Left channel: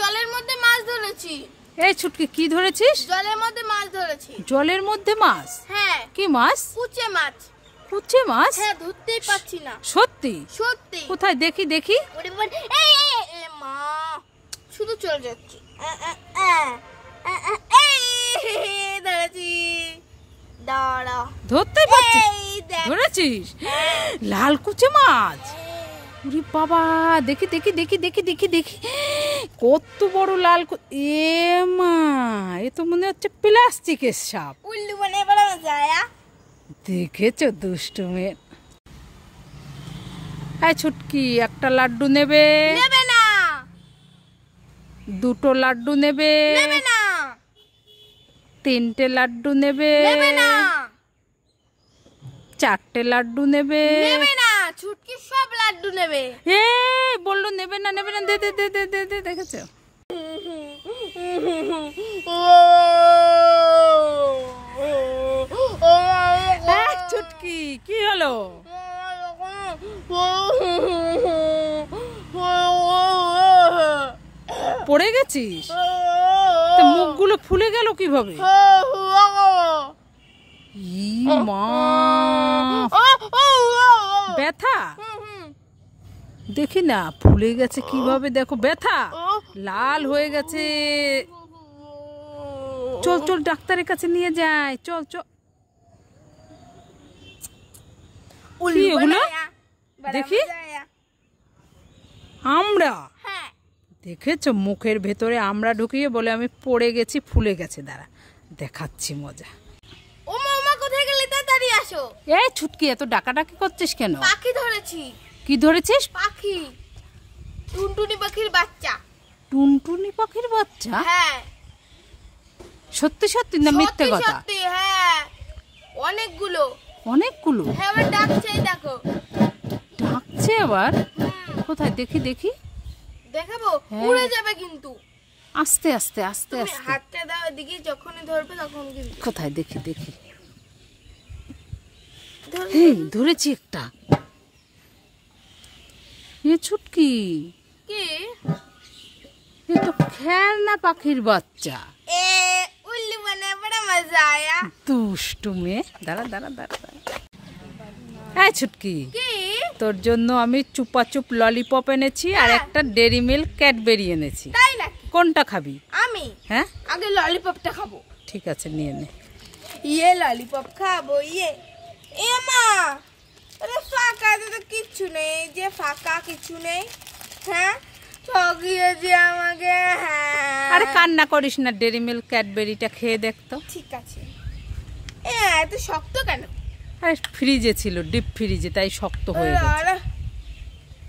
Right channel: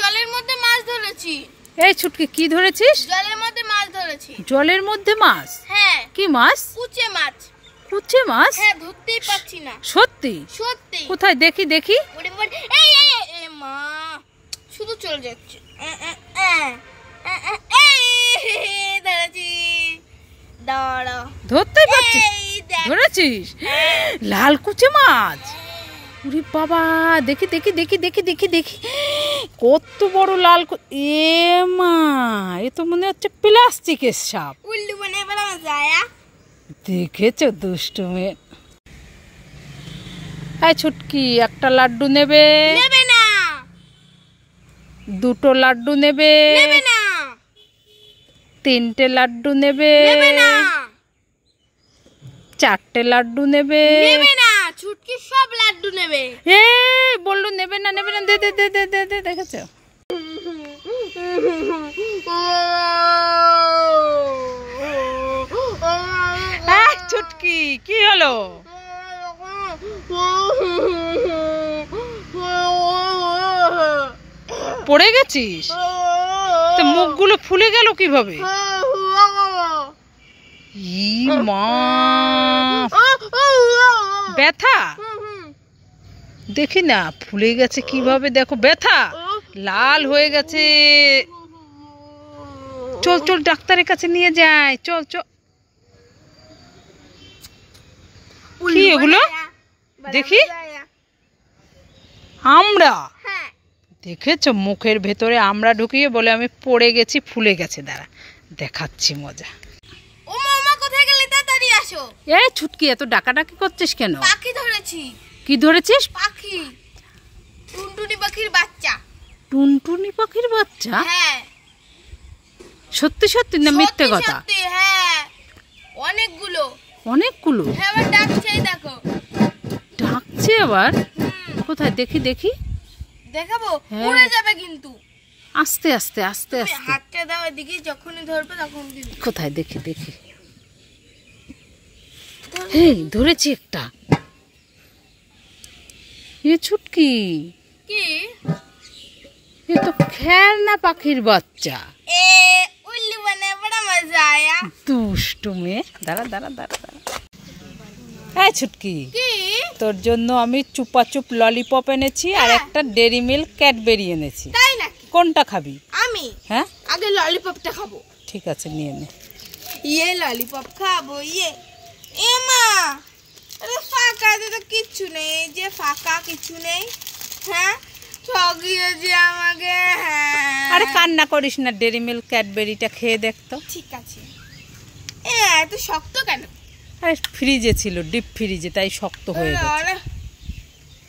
জলের মধ্যে মাছ ধরেছি। এই ছুটকি কি ধরেছিস? জলের মধ্যে মাছ ধরেছি। জলের মধ্যে মাছ? হ্যাঁ। কি মাছ? কুচে মাছ। কুচে মাছ? হ্যাঁ, ধরতেই পাচ্ছি না। সত্যি? সত্যি। কোথায় দেখি দেখি। এই মা, শুধু চলে যাচ্ছে। ধরেছি, দাঁড়া। ধরতেই পারছিস? ধরেছিস লাল কুচে মাছ? ওরে বাবা, দেখি দেখি দেখি দেখি দেখি দেখি, কত বড় লাল। এ মা, এ তো মনে হচ্ছে প্লাস্টিকের সাপ। উল্লু বনে বড় মজা। দেখেছো দুষ্টু মেয়ে। এই ছুটকি, একটা লাড্ডু নেবে? নেবে না। দুটো লাড্ডু নেবে? নেবে না। তিনটে লাড্ডু নেবে? নেবে না। চারটে লাড্ডু নেবে? নেবে না। ছুটকি সব লাড্ডু নেবে। এই বললো নেবে না নেবে না, দে দে দে দে দে দে। দেখেছো? ছুটকি কি হলো? পড়ে গেছিস? তো মুখগুলো ফুলে গেল কিভাবে? ই মা, ব্যথা? দেখি না ফুলে গেছে কিভাবে, দেখো ব্যথা, লাল হয়ে গেছে। চল চল ডাক্তারের কাছে নিয়ে যাই, চল চল। কি এগুলো দেখি? আমরা? দেখেছো মুখের ভেতরে আমরা ঢুকিয়ে বলে আমি পড়ে গেছি, ফুলে গেছে। দাঁড়া দেখাচ্ছি মজা। ও মামা, কোথায় গেলে? তাড়াতাড়ি আসো। এই ছুটকি, এত ডাকাডাকি করছিস কেন? পাখি ধরেছি। কি ধরেছিস? পাখি, টুনটুনি পাখির বাচ্চা। টুনটুনি পাখির বাচ্চা? হ্যাঁ। সত্যি সত্যি না মিথ্যে কথা? সত্যি। হ্যাঁ, অনেকগুলো। অনেকগুলো? হ্যাঁ, আবার ডাকছে, দেখো। ডাকছে আবার? কোথায় দেখি দেখি। দেখাবো? উড়ে যাবে কিন্তু। আস্তে আস্তে আস্তে আস্তে। হাতটা দাও এদিকে, যখনই ধরবে তখন কিন্তু। কোথায় দেখি দেখি। এই ধরেছি একটা। এ ছুটকি, কি? এ তো খেলনা পাখির বাচ্চা। এ উল্লু বনে বড় মজা আয়া। দুষ্টু মেয়ে। দাঁড়া দাঁড়া দাঁড়া দাঁড়া। এই ছুটকি, কি? তোর জন্য আমি চুপাচুপ ললিপপ এনেছি আর একটা ডেরি মিল্ক ক্যাডবেরি এনেছি। তাই নাকি? কোনটা খাবি? আমি? হ্যাঁ, আগে ললিপপটা খাবো। ঠিক আছে নিয়ে নে। ইয়ে ললিপপ খাবো। ইয়ে এ মা, আরে ফাঁকা তো কিচ্ছু নেই। এই যে ফাঁকা, কিছু নেই। হ্যাঁ, ঠকিয়েছি আমাকে। হ্যাঁ, আরে কান্না করিস না, ডেরি মিল্ক ক্যাডবেরিটা খেয়ে দেখতো। ঠিক আছে। এত শক্ত কেন? আরে ফ্রিজে ছিল, ডিপ ফ্রিজে, তাই শক্ত হয়ে গেছে।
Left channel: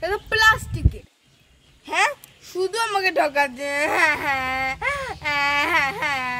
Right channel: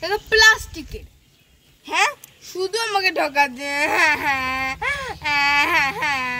এটা প্লাস্টিকের। হ্যাঁ, শুধু আমাকে ঠকাচ্ছে। হ্যাঁ হ্যাঁ হ্যাঁ হ্যাঁ।